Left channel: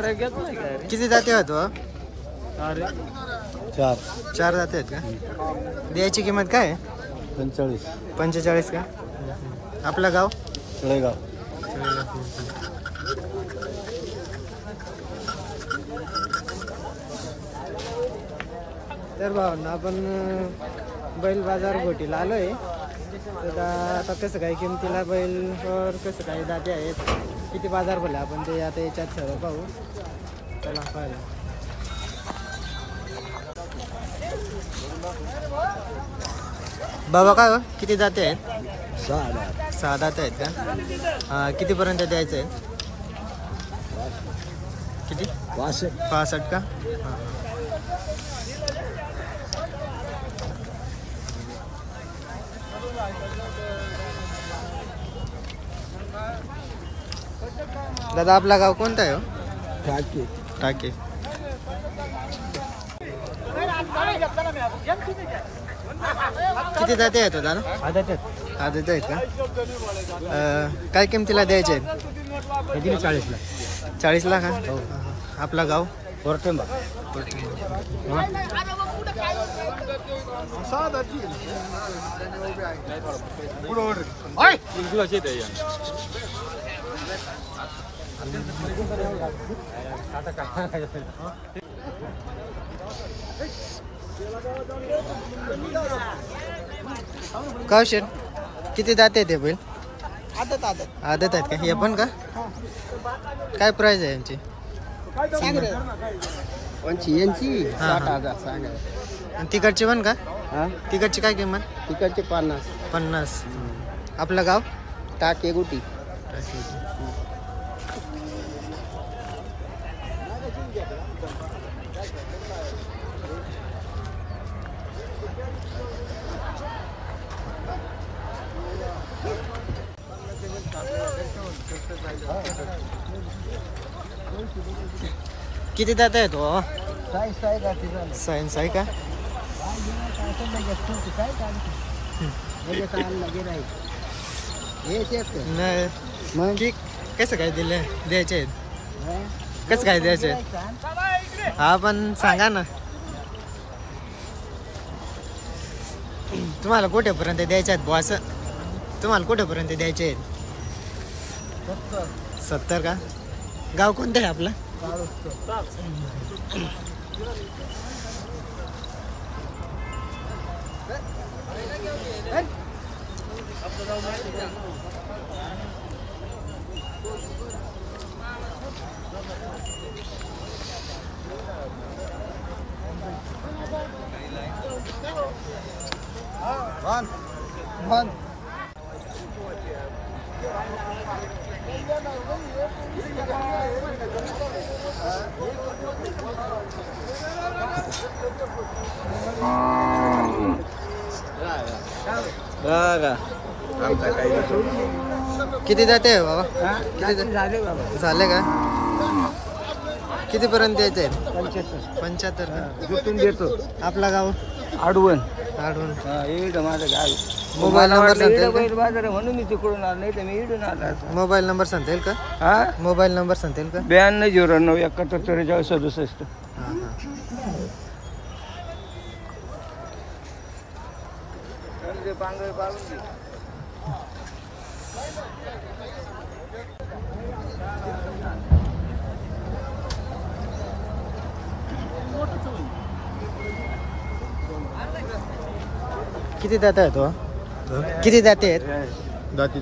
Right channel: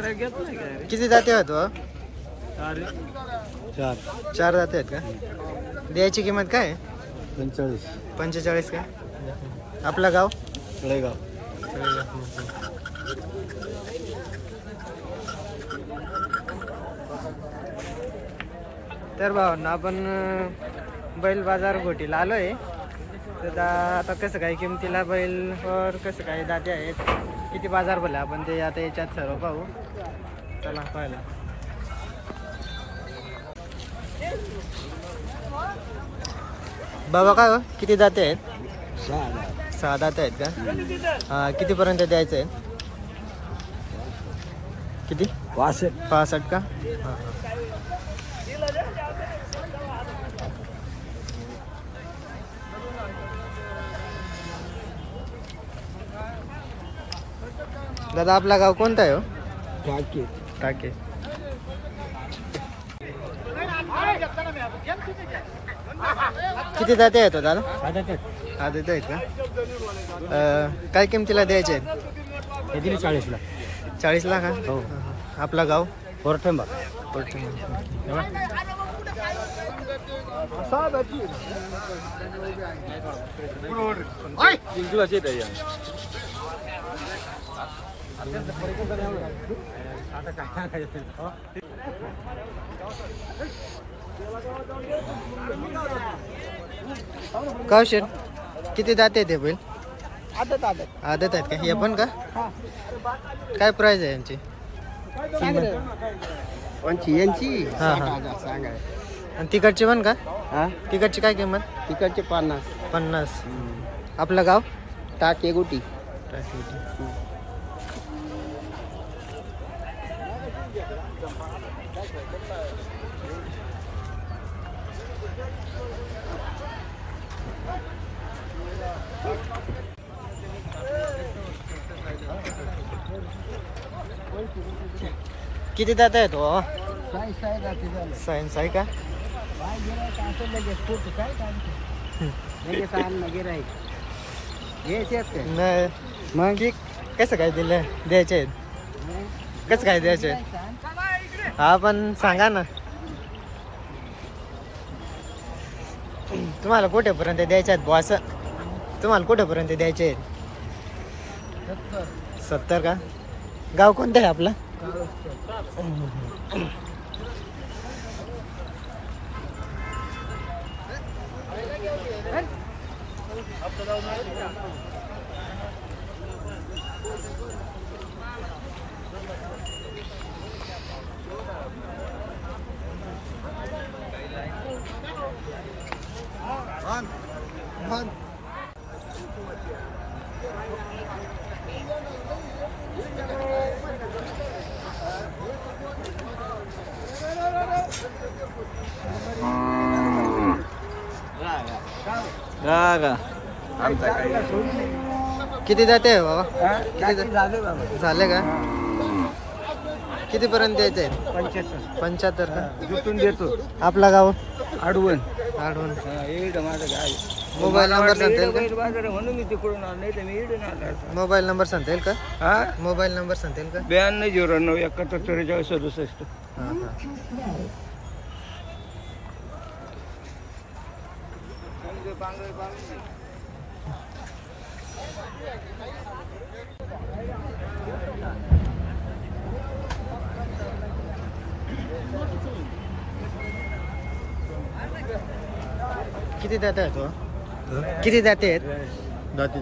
किती जाते आहेत हो? चार 4 जाते आहेत का? द्यायची किंमत काय आहे? 45. 45 का? आपलं गाव? तळेगाव. तर भावना आपण बैल बाजार गोटीला आलोय. तर आता कसं काय किमतीला बैल वर कसं काय दाते आहेत, किती बाजार भरले आपण ते आता याच्यात सर्व पाहू. चला पाहायला. बाबा काय हो, किती दाते आहेत? 6 दाते आहेत का? कितीपर्यंत द्यायचं आहे? किती? 65 का? हां. दादा आपला गाव कोणता आहे हो? टाके. किती जाते आहेत दादा? आदत आहेत का? काय किमतीला द्यायचे आहेत? 40ला. 40ला का? आपला गाव? कोरटंबा. का शेट किती जाते ते बैल? आदत आहेत का? हे पण का? काय प्राइस आहे यांची? यांची 60,000 सांगा. आणि तिकडची पण का? तिकडची काय किंमत? तिकडचे 50. आपलं गाव? टाके गुटी. किती दात आहे तो? सायन्स आहे का? नाही कसं काय दिलं द्यायचे आहेत? कसं काय द्यायचे? हा पण सांगा ना, तुम्हाला कुठेपर्यंत द्यायचे आहेत बॉस? तुम्हाला कुठेपर्यंत द्यायचे आहेत? 70 का? गाव कोणतं आहे आपलं? किती जाते बाबा? झाले का? कितीपर्यंत द्यायचे आहेत? 75 का? जुटून देतो. आपला गाव? आडवण. मोबाईल नंबर सांगता येईल का? म्हणून मी तिकडून आलो, नाही तर मी इकडून आलो. मोबाईल नंबर सांगता येईल का? मोबाईल नंबर सांगता येईल का? 9209 71 44 67. हां. किती दाते आहेत? किती दाते आहेत? दाती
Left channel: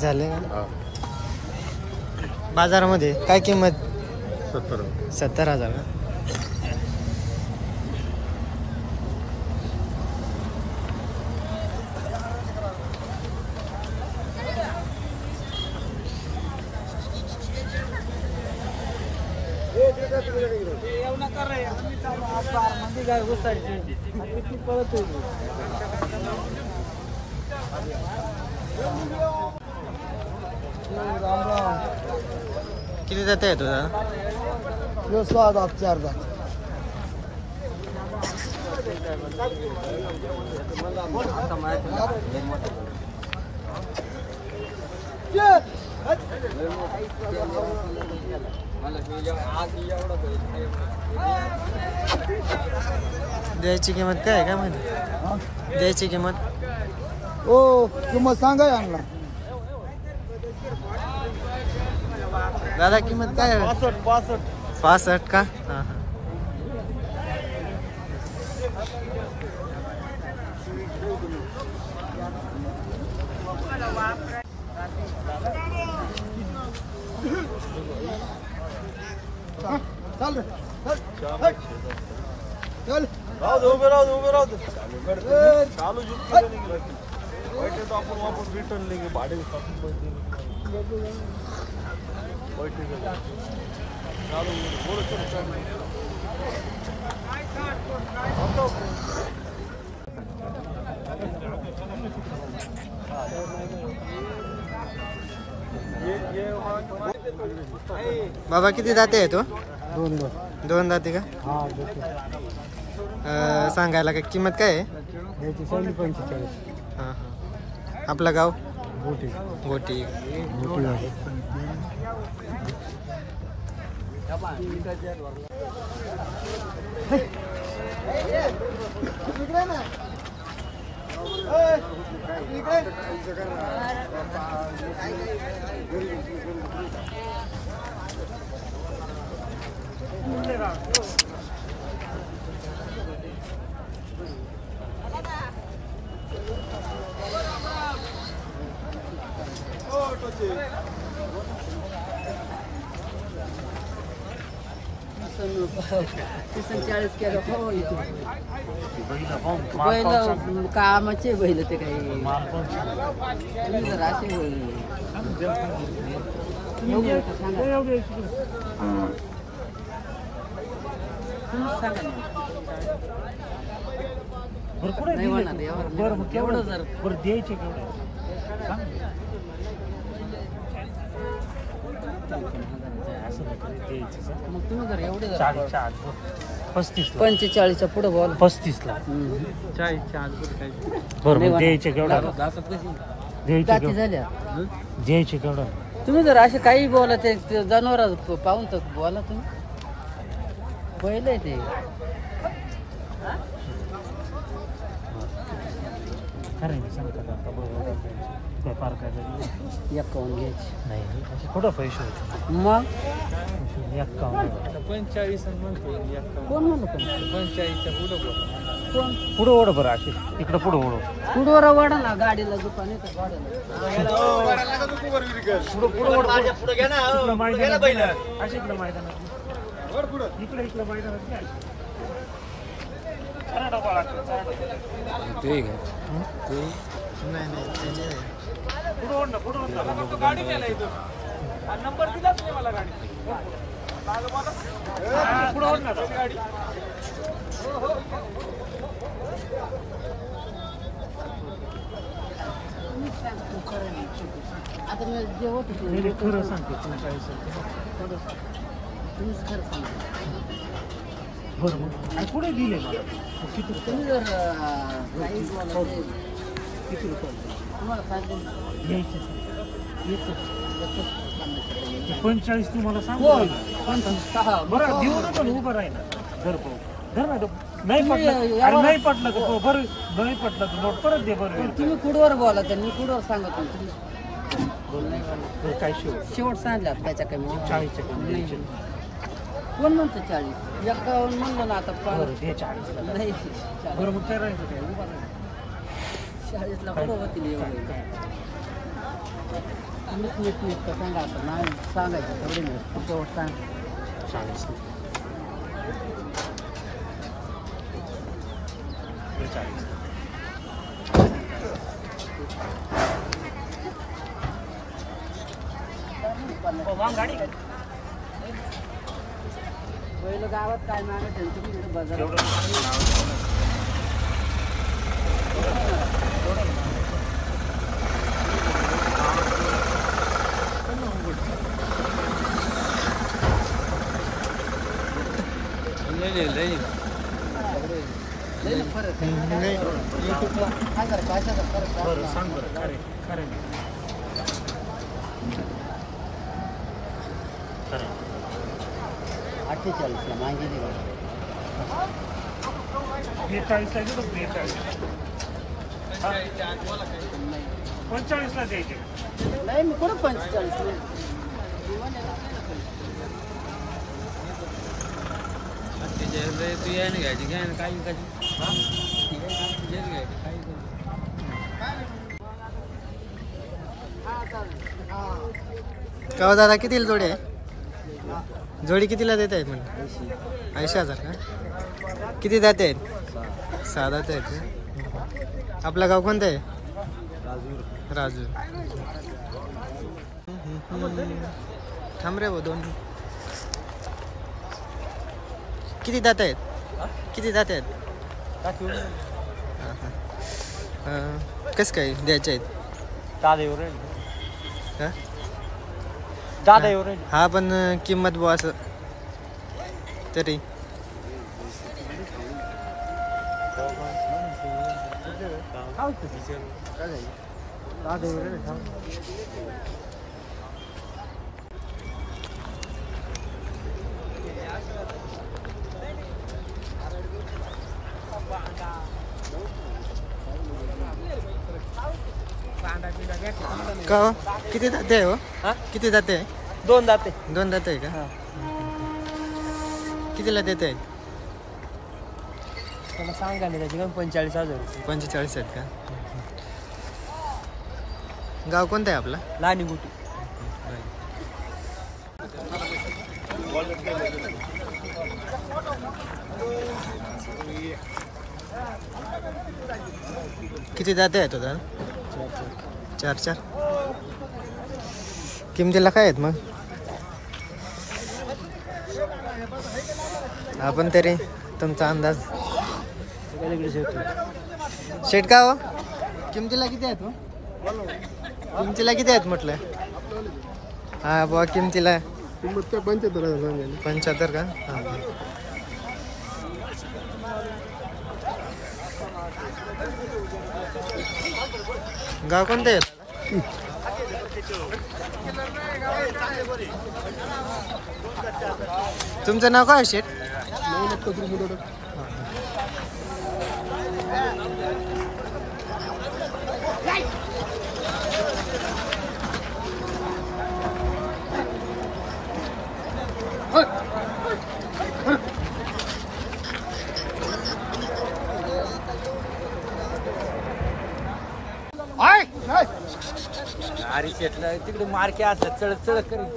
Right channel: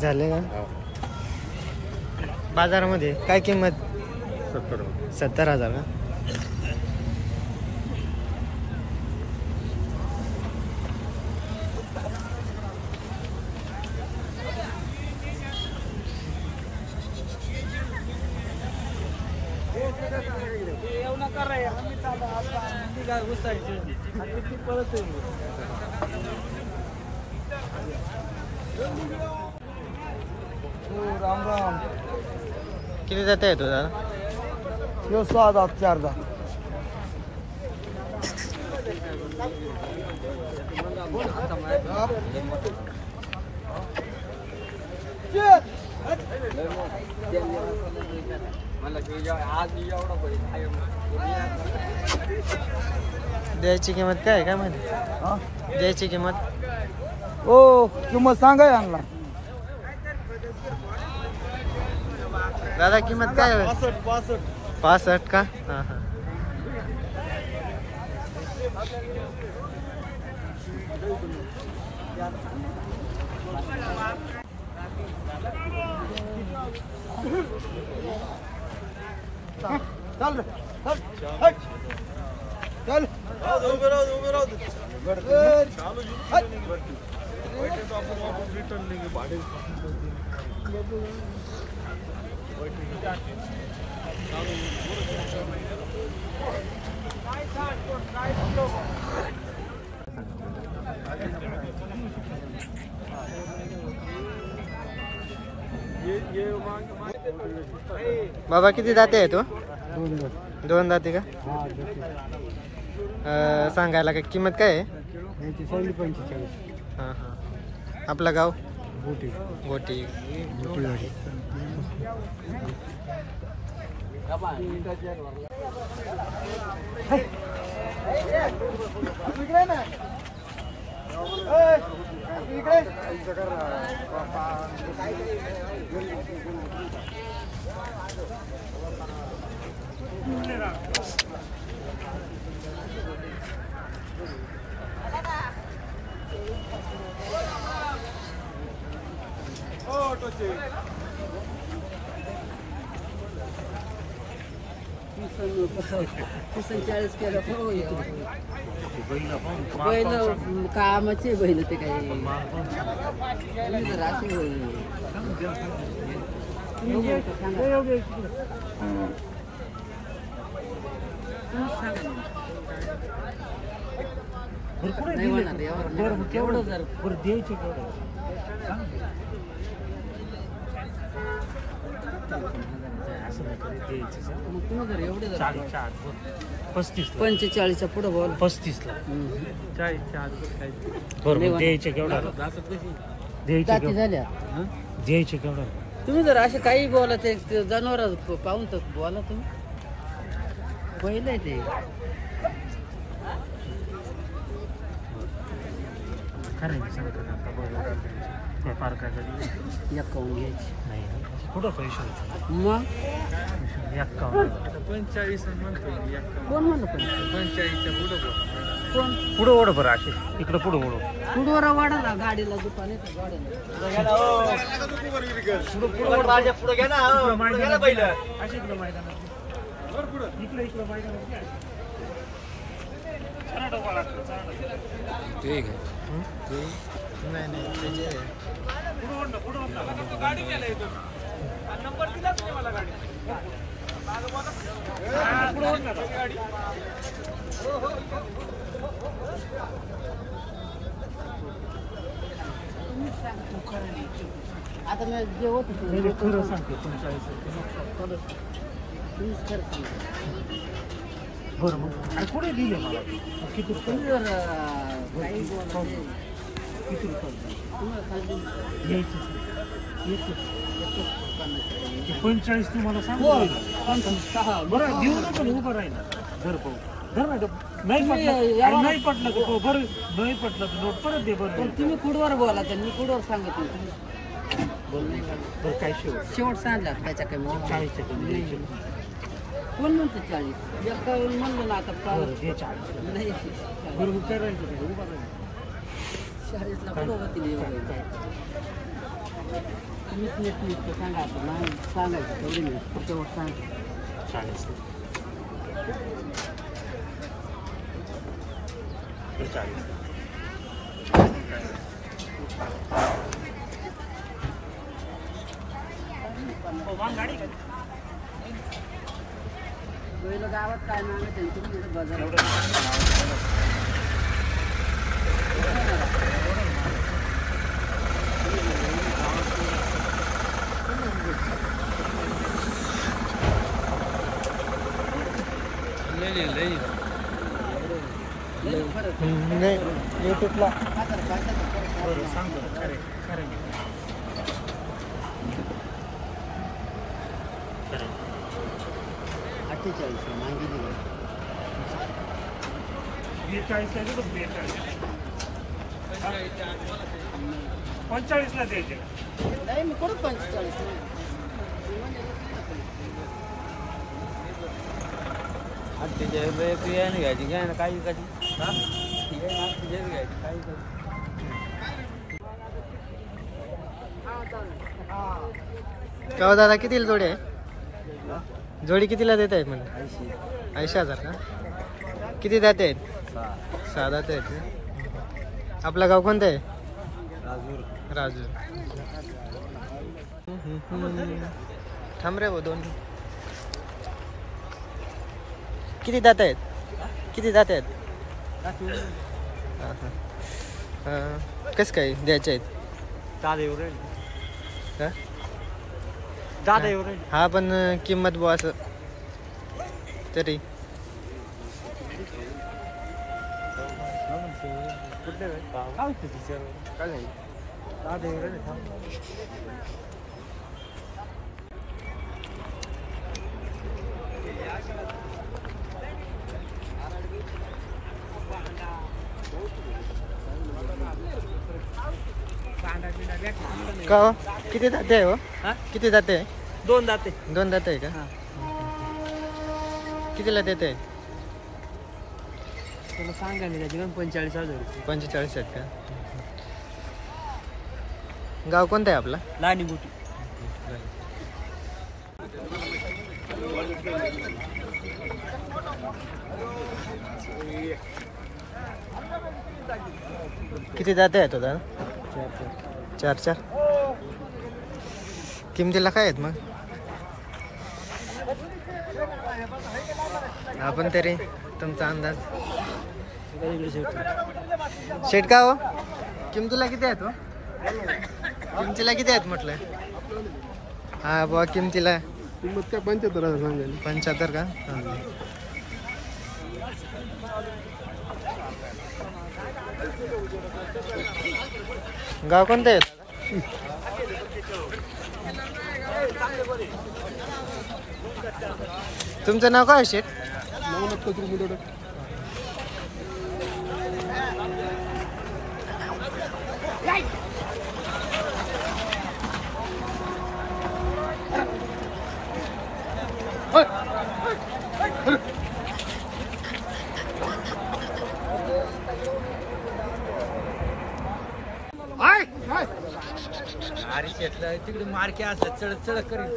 झाले का? बाजारामध्ये काय किंमत? 70,000 का? राम राम. किती जाते आहे तुझा? 6 दात 4 दात. द्यायची किंमत काय आहे काय माहिती? द्यायची किंमत हो किंमत सांगा यांना. दादा किंमत काय आहे? 65 का? हां हां. चल रे, चल, चल. उभे राहू दे. चालू आपण रिटर्न नाही भाडे बाबा किती दाते आहे तो? 2 दाते का? सांगायला काय किंमत काय आहे? 45. हां हां. आपलं गाव? गोटी. गोटी. बैल कामाचे बैल ते काही तुम्ही जर असे नाही होणार एवढं जर द्यायचे केवढं मग तुम्ही जर एवढे 45 पुढे बोल 35 ला द्यायचे केवढं जाती झाल्या द्यायचे केवढं. तुम्ही जर असे काही बोला ते जनावर पाहून तर बोला तुम्ही पहिलं ते एकावन्न घ्यायची नाही कुठं पैसे होते मग 45 म्हणतो कोण म्हणलं 45 पुढं ओढ बरं असे इकडे पुढं ओढ पुढवर वाढा ना गाडीला दुकान येतं नाही त्याचे आता मी जे होत खरं सांगते तुम्हीच खरं सांगा बरं मग पुढे दिले मला किती तुम्ही जर काही बोला किती रुपये तुम्हाला सांगेल घ्यायचे एकच 45 तुम्हाला सांगू बरं देऊ नका उभं राहिला धर पाहू धर ना नाही पटलं अरे नाही पटलं का बरं नाही पटलं तर नोट परत दे बरं तुम्ही कुडवर बोला तर मी कुडवर सांगत नाही तुम्ही बोल नाही बरं काय शेवट सांगला त्याच्या कमी 40च्या कमी द्यायचे कोण म्हणतो 40 51 म्हणलं ना आता बरं दे 40 नाही बरं मग करायचं काय उभा राहायचं 40 ला कुठं होतील एवढे तुम्हीच नीट सांगा आता नाही सांगायचं तेवढी नाही पुढच्या वर सांग 40 पहिलं गावात काय मागत आहे तुम्ही बाजार नाही युट्यूबला बरं सांग बरं खरे खरे 48ला मागितली का? 42 ला देतो, 42. हा? 45 ला द्यायचे का? नाही मी कुठं 45 का हो दादा कितीला जोडी आहे? जोडी कितीला देत आहेत म्हणून? 80,000 का? किती दाते आहेत? 6 दाते आहेत का? आपलं गाव कोणतं आहे? राजूर. थांब रे वो दोन. किती दात आहेत? किती दात आहेत? कसं काय द्यायचे आहेत? का? हा पण किंमत बुवा असं तरी का हो? किती दाते आहे हो? किती दाते आहे? 2 दाते. 2 दाते आहे का? कितीला देते आहेत? त्याला सांगा मी त्याची 45,000. 45 आहेत का? गाव कोणतं आहे आपला? लहानी मोठी. किती दाते आहेत दादा? 4 किमतीला काय आहेत मग? आपण तरी तुमचा अंदाज शेट का हो? किमतीला किती आहेत हो? किमतीला किती आहेत म्हटलं? हा बुवा किमतीला किंमत काय 75,000 सांगायला. 75 का? गाव कोणतं आहे? तुमचं नाव काय शेठ? नवनाथ कचरू मुदोड. तिकडे मार्के असतात चढत चढत करीन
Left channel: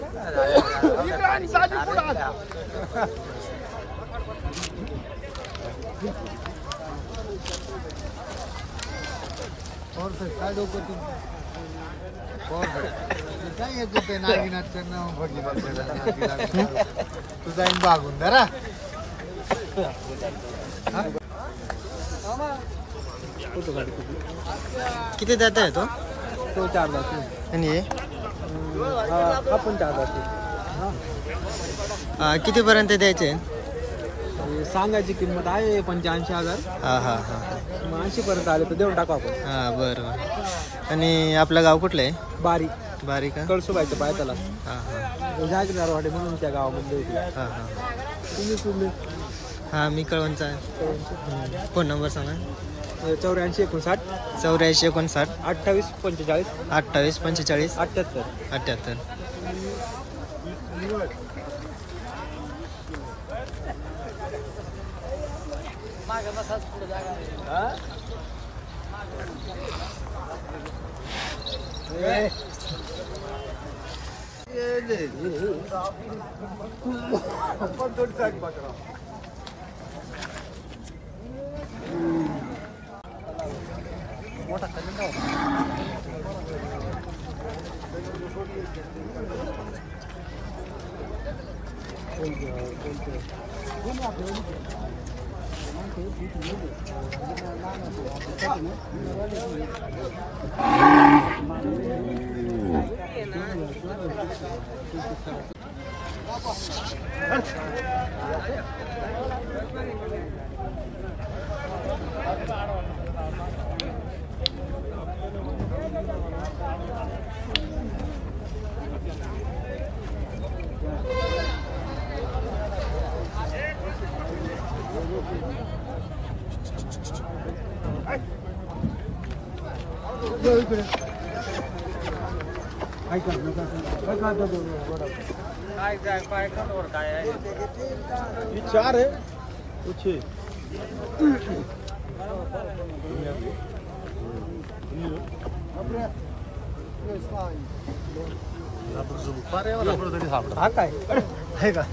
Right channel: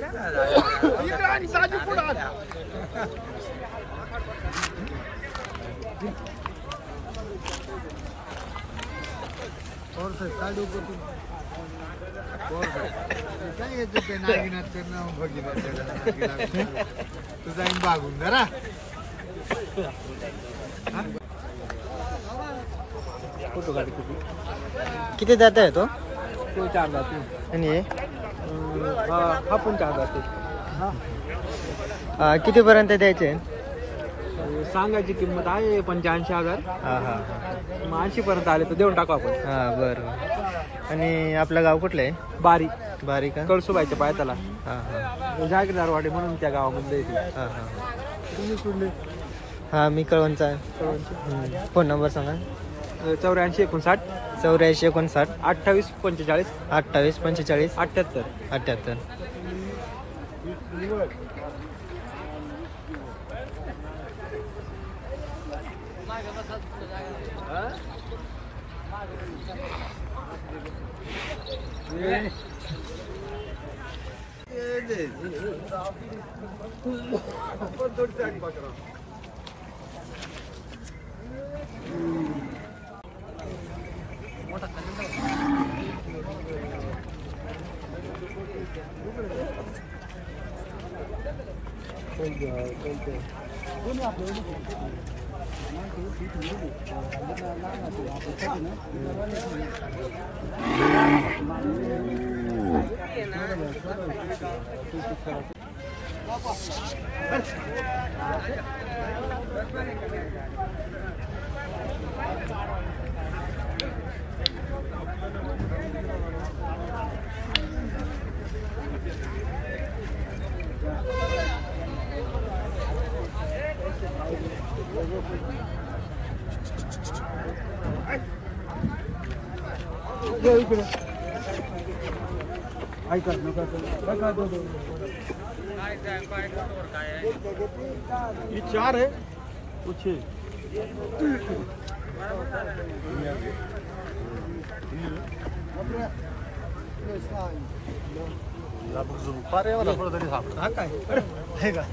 तुझा बागून जरा किती दात आहे तो? तो 4 जाते. आणि हे? हा पण 4 जाते. कितीपर्यंत द्यायचे? सांगायची किंमत आहे 85,000. हा हा हा. मग 80 पर्यंत आले तर देऊन टाकू आपण. हा बरं बरं. आणि आपलं गाव कुठलं आहे? बारी बारी का? कळसुबाईच्या पायथ्याला. हा हा जागीरवाडी म्हणून त्या गावामध्ये येते. हा हा. तुम्ही हा मी कळवणचा आहे. फोन नंबर सांगा. 84 59 84 59 28 45 28 45 78. 78. ये 4 है वो 6 हा काय आहे का